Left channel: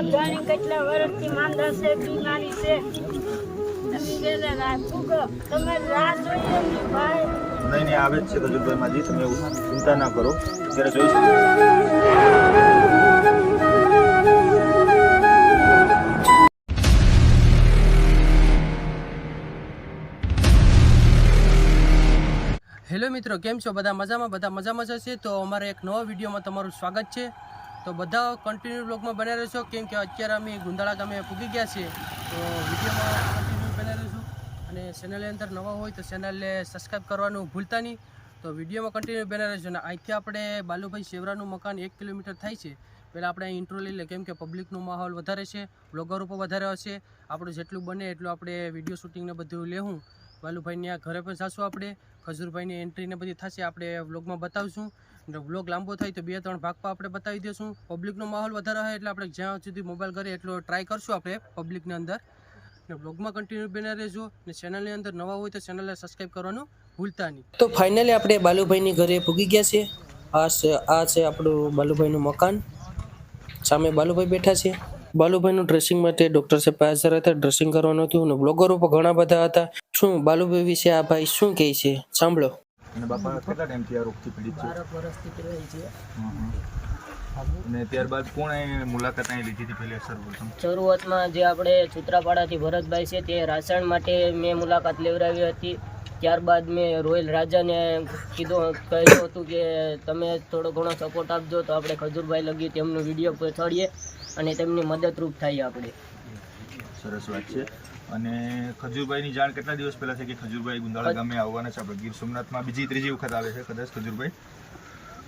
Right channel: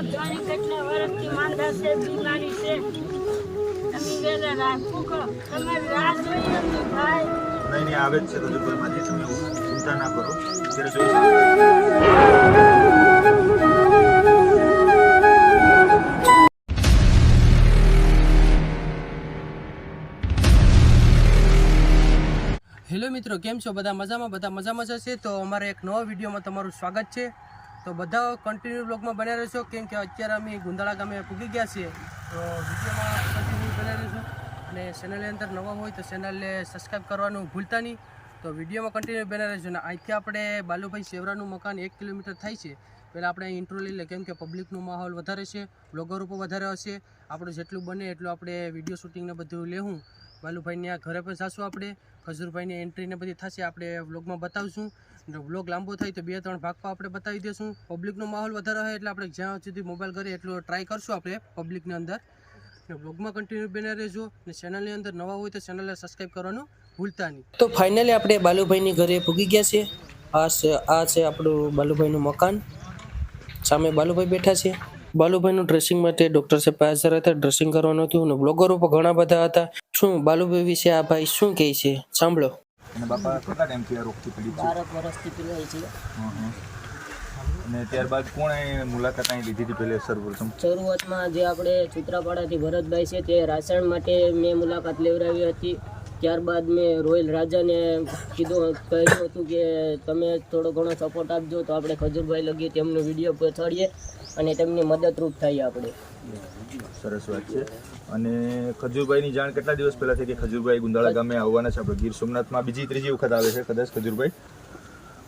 મારો ધણી કેટલા વર્ષથી માંદા છે, બીમારી છે. તમે વેલા રાહ ફૂકો, તમારી રાહ જોઈએ અમને ભાઈ. નહીં આવે જ છે ખજૂરભાઈ માજી, તમે ચિંતા ના કરો. અત્યારે જોઈશું. હેલો મિત્રો, કેમ છો? બધા મજામાં જશે. તો અમારે એક નવા વિડીયોમાં તમારું સ્વાગત છે. તો બધા કન્ટિન્યુ બ્લોગમાં બન્યા રહેશો, કેમ કે અત્યારે અમે ગુંદાળા ગામે પૂગી ગયા છીએ. તો વિડીયોમાં કન્ટિન્યુ બન્યા રહેશું. અને ચેનલની અંદર નવા હોય તો ચેનલને સબસ્ક્રાઈબ કરવાનું ભૂલતા નહીં. તો વિડીયોમાં કન્ટિન્યુ બન્યા રહેશું. અને અહીંથી આપણે બાલુભાઈ સેવરાનું મકાન 1 કિલોમીટર થાય છે. પહેલાં આપણે અહીં ઇન્ટ્રો લઈ લે, કેમ કે પબ્લિકનો માહોલ વધારે છે, બ્લોગરો પણ વધારે હશે. આપણું જેટલું બને એટલું આપણે વિડીયો શૂટિંગને બધું લેવું. બાલુભાઈની આ ઘરે પણ જઈશું આપણે. ખજૂરભાઈની એન્ટ્રીને બધી થશે, આપણે વ્લોગમાં બતાવીશું. વ્લોગ લાંબો થાય તો 2-3 ભાગમાં આપણે બતાવી દઈશું. પબ્લિકનો માહોલ વધારે હોય એટલે આપણે જ્યાં સુધી મોબાઈલ કરીએ એટલો ટ્રાય કરશું આપણે પબ્લિકની અંદર. ને વ્લોગમાં કન્ટિન્યુ બને રહેજો. ને ચેનલની અંદર નવા હોય તો ચેનલને સબસ્ક્રાઈબ કરવાનું ભૂલતા નહીં. તો ફાઇનલી આપણે બાલુભાઈની ઘરે પૂગી ગયા છે. આ છે આપણું બાલુભાઈનું મકાન. સામે બાલુભાઈ બેઠા છે. બાલુભાઈનું ડ્રેસિંગ માટે ડૉક્ટર સાહેબ હાજર હતા, ડ્રેસિંગ કરવાનું હતું. અને બ્લોગરો પણ ઘણા બધા હતા. શું બાલુભાઈ વિશે આ ભાઈ શું કહે છે સાંભળો. અને બાપા કેટલા ટાઈમથી આ રોગથી પીડિત છે? 12 વર્ષથી પીડાય છે. અને ત્યારબાદ કોણે મુલાકાત અહીં લીધી હતી પહેલે સર્વપ્રથમ? શરૂઆતમાં જે આપણે ચુત્રાપાડાથી ભરતભાઈ છે તે રાસાયણ માટે મેં મુલાકાત લેવડાવી હતી. ત્યારબાદ મેં રોયલ રાજાને કહ્યું હતું કે તમે થોડો ઘણો સપોર્ટ આપજો તો આપણે ખજૂરભાઈ લગી તેમનો વિડીયો પહોંચાડીએ અને તેમની મદદરૂપ થઈએ આપણે. સરસ વાત છે. અને ખજૂરભાઈની જાણ કેટલા દિવસ પહેલા થઈ કે ખજૂરભાઈ ગુંદાળા ગામે આવવાના છે? આપણે ગીર સોમનાથમાં બીજી ત્રીજી વખત આવે છે કદાચ ખજૂરભાઈ,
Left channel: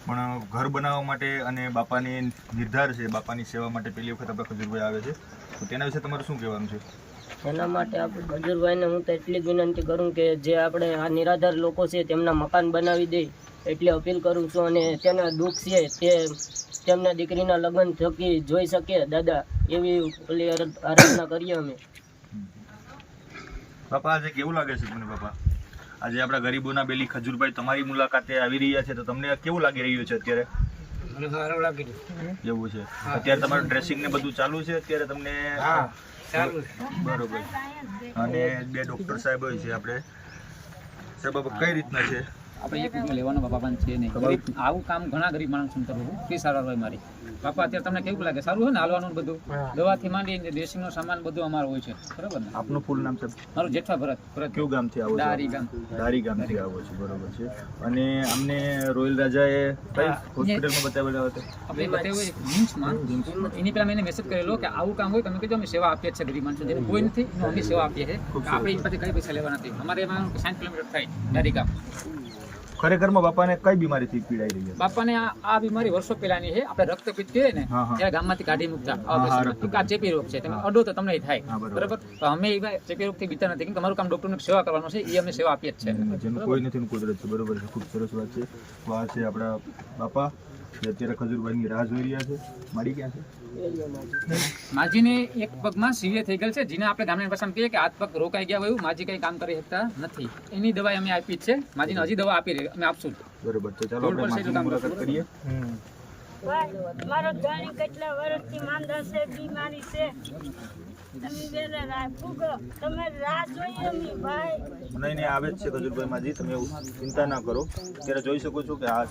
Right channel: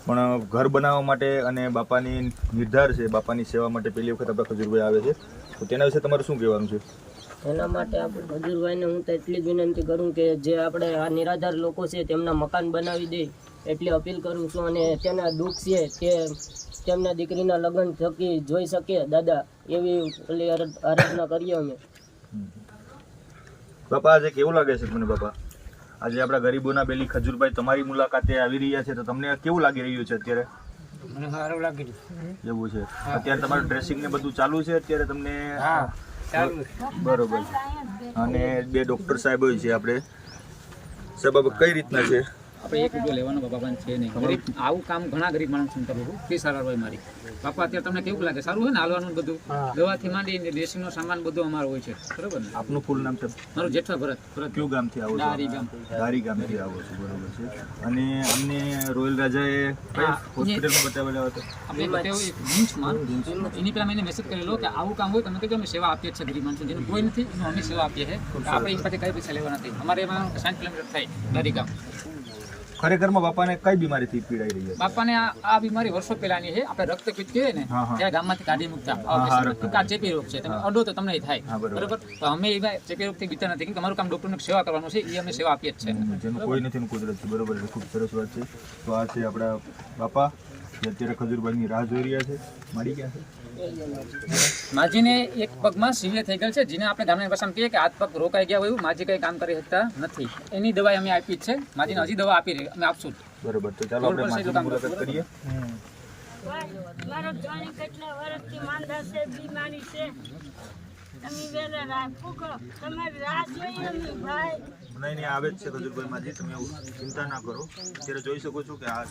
પણ ઘર બનાવવા માટે અને બાપાની નિર્ધાર છે, બાપાની સેવા માટે પહેલી વખત આપણે ખજૂરભાઈ આવે છે. તો તેના વિશે તમારું શું કહેવાનું છે? એના માટે આપણે ખજૂરભાઈને હું તો એટલી જ વિનંતી કરું કે જે આપણે આ નિરાધાર લોકો છે તેમના મકાન બનાવી દે એટલી અપીલ કરું છું. અને તેના દુઃખ છે તે તેમના દીકરીના લગ્ન થકી જોઈ શકે દાદા, એવી ઓલી આરાધના કરીએ અમે. બાપા આજે કેવું લાગે છે તમને? બાપા આજે આપણા ગરીબોના બેલી ખજૂરભાઈ તમારી મુલાકાતે આવી રહ્યા છે, તો તમને કેવું લાગી રહ્યું છે અત્યારે? મને સારું લાગી એવું છે. અત્યારે તમારું ડ્રેસિંગ ને બધું ચાલુ છે અત્યારે તમને? બરોબર. અને 2 ડૉક્ટર સાહેબ હોય છે આપણે. સાહેબ કઈ રીતના છે? આપણે એક રૂપિયો લેવાનો બાપા પણ છે નહીં. આવું કામ ઘણા ગરીબ માણસો કરે છે. તે સારા હોય મારી બાપા. અત્યારે તમને કેવું લાગે? સારું હોય ને હાલવાનું બધું, દવાથી માંડી ડ્રેસિંગનો સામાન બધું અમારો હોય છે, બરોબર ને? આપનું ફૂલ નામ છે? મારું જેઠવા ભરત. કયું ગામથી આવો છો? ધારી ગામથી આવો છો, બરોબર છે. અને અમને રોયલ રાજાએ કઈ હોસ્પિટલમાં બતાવેલા હતો? આપણે બતાવ્યું જીન્સમાં. એની પહેલાં મેં એને મેસેજ કરેલો કે આવું કામ હોય તમે કહેજો, અમે સેવા આપીએ છીએ ગરીબ માણસો જેનું કોઈ નથી એનું અમે સેવા આપીએ છીએ. આપણે એની પાસે કઈ પૈસા લેવા નથી. અમારે એમાં 60 કિલોમીટર થાય ધારી ગામ. ખરેખરમાં બાપાને કઈ બીમારીથી પીડાઈ રહી છે? બાપાને આ બીમારી વર્ષો પહેલાની છે. આપણે રક્તપિત્ત કહીએ ને ત્યારે ગામમાંથી કાઢી મૂકતા ચેપી રોગ છે, તમે અડો તો તમને થાય, બરાબર? તો અમે એવા ચેપી રોગથી બીતા નથી કે તમારું કામ ડોક્ટરને સેવા કરવાનું છે, એ અમે સેવા આપીએ જ છે. જેનું કોઈ નથી કુદરત છે, બરોબર છે. ખૂબ સરસ વાત છે. તો આ છે આપણા બાપા જે અત્યારે ખજૂરભાઈની રાહ જોઈ રહ્યા છે. મારી ક્યાં છે? માજીને એક પગમાં સિવિયર થઈ ગયેલ છે, જેને આપણે ગામની ભાષામાં કહીએ કે હાથ પગ રોકાઈ ગયા હોય, માજી કઈ કામ કરી શકતા નથી. એની દવા અમે આપી જ છે. માજીને હજી દવા આપી રહી, અમે આપશું. બરોબર. તો ચાલો આપણે માજીની મુલાકાત કરીએ. મારો ધણી કેટલા વર્ષથી માંદા છે, બીમારી છે. તમે વેલા રાહ ફૂકો, તમારી રાહ જોઈએ અમને ભાઈ. નહીં આવે જ છે ખજૂરભાઈ માજી, તમે ચિંતા ના કરો. અત્યારે જોઈ શકો છો કે આ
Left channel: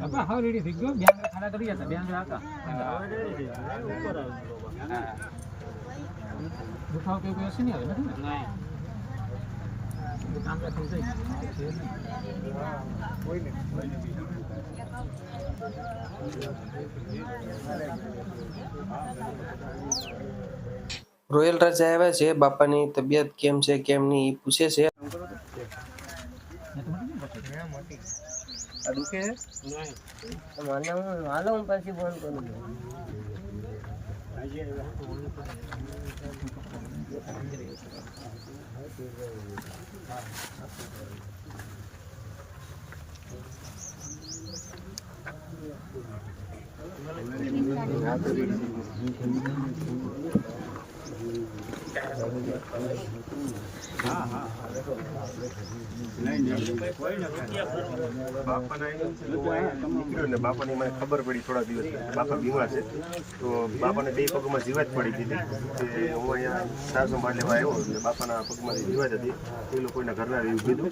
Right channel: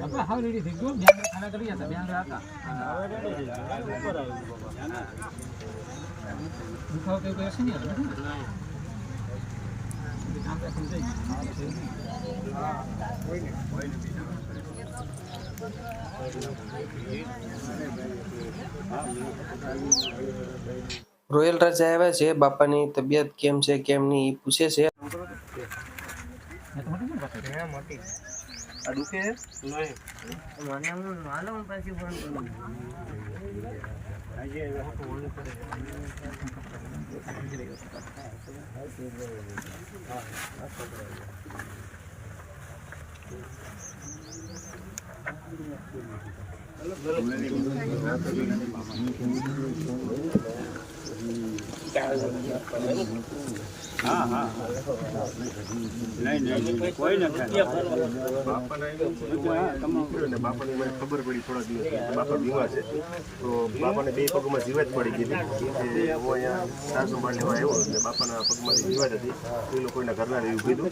બાપા હાવ રેડી થઈ ગયો. બેંગ ખાડા કરી જતા, બેંગ હતા દુખાવો કેવું કઈ હશે નહીં? હવે નથી ને કામ થઈ જાય. રોયલ રાજા આવ્યા છે. બાપાની તબિયત કેમ છે કેમ નહીં એ પૂછે છે. આ દુખે છે? હાલો હું પછી ફોન કરું. બાપાના એમ છે તો હું અહીંયા નીકળ્યો ને બાપાની મને ખબર પડી થોડા દિવસ પછી કે બાપા બીમાર છે. તો બાપાને 2 પગમાં જીવાત પડી ગઈ હતી કે હું અહીંયા સાર સંભાળ લેવા આવ્યો એટલે બાપાના પગમાંથી જીવાત હતી. એ લોકોના ઘરના એવું કીધું.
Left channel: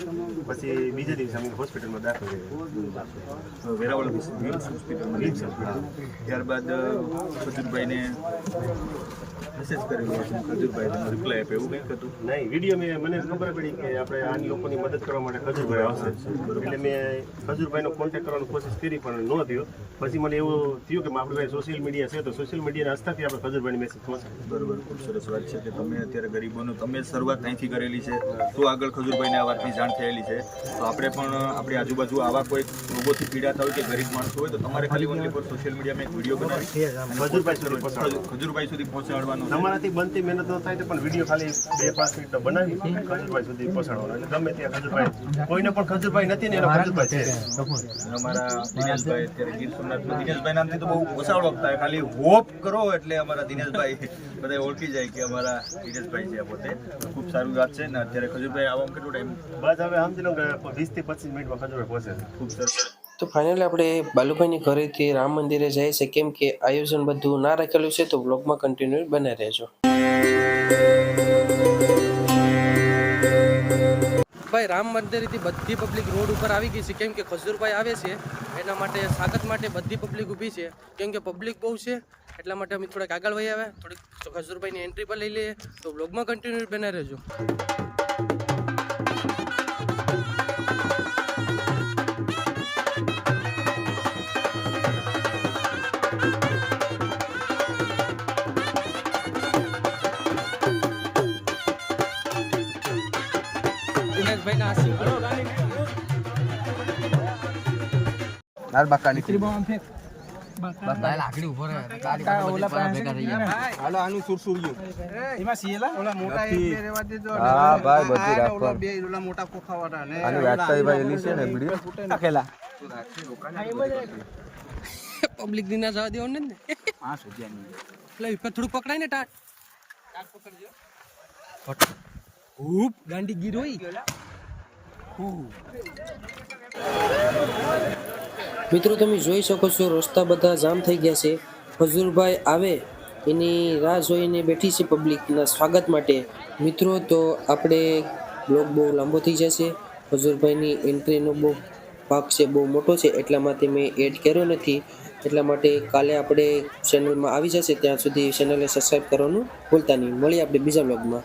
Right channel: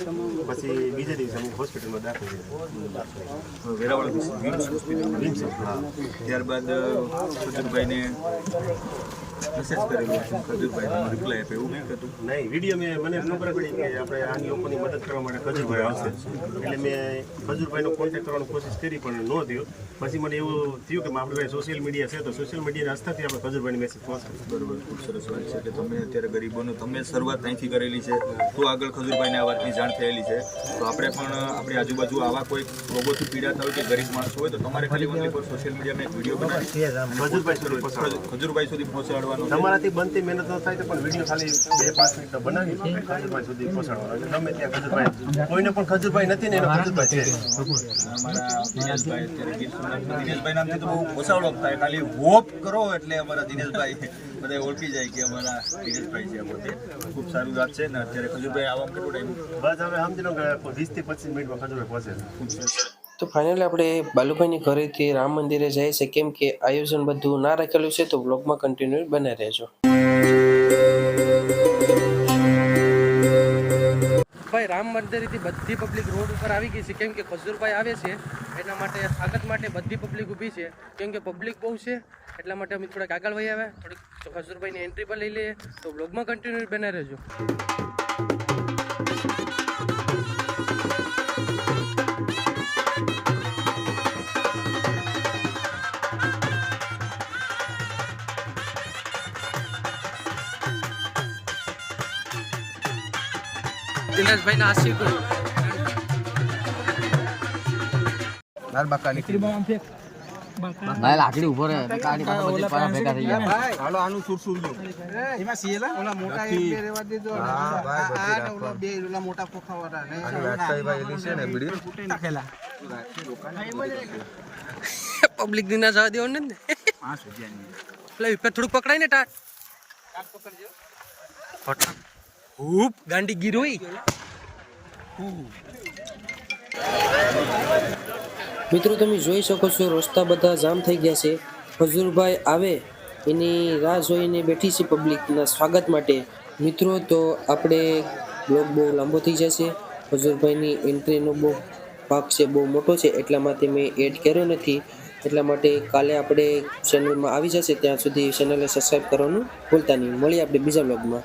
પછી બીજે દિવસે અમે હોસ્પિટલમાં દાખલ થયા. વેરાવળ વિમ્સ હોસ્પિટલમાં. હા. ત્યારબાદ ખજૂરભાઈને મેસેજ કરેલો હતો. ખજૂરભાઈ તમે રિપ્લાય આપ્યો એવું કંઈક હતું? નહીં, વિડીયો મને ખબર પડી કે આપણે આની લોકોની મદદ કરવા માટે ખજૂરભાઈ આવશે એટલે મેં ખજૂરભાઈનો કોન્ટેક્ટ કરવાની કોશિશ કરી પણ ન થયો. પછી મને એવું થયું કે આપણી પાસે સોશિયલ મીડિયા છે તો સોશિયલ મીડિયાના હસ્તાથી આપણે ખજૂરભાઈને મેસેજ પહોંચાડી. બરોબર, ખૂબ સરસ વાત છે કે તમે અત્યારે ગરીબોનું તમે શરૂઆત અહીંથી કરેલી છે તો આગળ ખજૂરભાઈને આ વાતની જાણ થયેલી છે. તો આપણે પણ આપણી આજુબાજુ આવા કોઈ રોગોથી પીડાતા હોય કે ગરીબ માણસો હોય તો તમારે ખાલી ઓનલી ફોર સોશિયલ મીડિયામાં એક વિડીયો બનાવી ખજૂરભાઈ સુધી પહોંચાડવાનો. તમારાથી બનતી મહેનત ન થાય તો પણ વિડીયો ખાલી 2-5 મિનિટનો બનાવી ખજૂરભાઈ સુધી પહોંચાડવાનો. એટલે ગમે ત્યાં ખજૂરભાઈ, કોઈને પણ ખજૂરભાઈ નથી ને એનો ખજૂરભાઈ છે. અમારા દિનેશભાઈ અત્યારે ગીર સોમનાથમાં દિનેશભાઈ નામથી તો બહુ ઓછા ઓળખતા હોય, ખાલી હોપ કરો એટલે અમારા દિનેશભાઈ બધા ઓળખી જાય કે અમારા દિનેશભાઈ છે. પોતે ખૂબ સારું વાત છે ને અત્યારે ખજૂરભાઈ આવવામાં કેટલો ટાઈમ? બસ હવે સમજી લો કે 20 થી 25 મિનિટમાં ખજૂરભાઈ પહોંચે છે. ખૂબ સરસ. તો ફાઇનલી આપણે બાલુભાઈની ઘરેથી રામ મંદિરે જાય છે, કેમ કે આયોજન બધું ના રાખેલું છે. તો બ્લોગમાં કન્ટિન્યુ બને રહેજો. ભાઈ રામ મંદિરથી બધી પબ્લિક રોડ ઉપર આવી ગઈ છે, કેમ કે ખજૂરભાઈ આવે છે એના માટે સ્વાગત માટે બધી પબ્લિક ઊભી છે. કેમ કે પબ્લિક બહુ છે એટલા માટે અમે થોડાક આગળ વહી આવ્યા, થોડીક ખજૂરભાઈની એન્ટ્રી પર લઈ લઈએ. તો બ્લોગમાં કન્ટિન્યુ બને રહેજો. દિનેશભાઈ ના આશીર્વાદ લાકડી ઉભો રહે હાલો આનું સુરસુરિયું એમાં સીએલા ઓલા મોટા એક બે રેવા દીધો ને હા ભાઈ બધી ઓલા બે ઓલા મોટા કોખાવાળા ને ભાઈ લીસે ને બીડી ફૂટે નાખેલા પબ્લિક દિના જવા દેવો ને 5 રૂપિયાની લે ઉપર થોડું પકડાય ને ટાટ પકડજો ફટ ખૂબ ગાંડી ગીરોઈ. મિત્રો તમે જોઈ શકો છો રસ્તા બધા જામ થઈ ગયા છે. ખજૂરભાઈ આવે એની રાહ જોઈને બેઠી છે પબ્લિકના સ્વાગત માટે. મિત્રો તો આપણે બ્લોગ બહુ લાંબો થઈ જશે. ખજૂરભાઈની એન્ટ્રીનો બહુ ભાગ છે, બહુ મોટો છે, એટલા માટે મેં એડ કર્યો નથી. એટલા માટે કાલે આપણે ચેનલમાં આવી જશે, ત્યાં સુધી ચેનલને સબસ્ક્રાઈબ કરવાનું ભૂલતા નહીં. મળીએ આપણે બીજા બ્લોગમાં.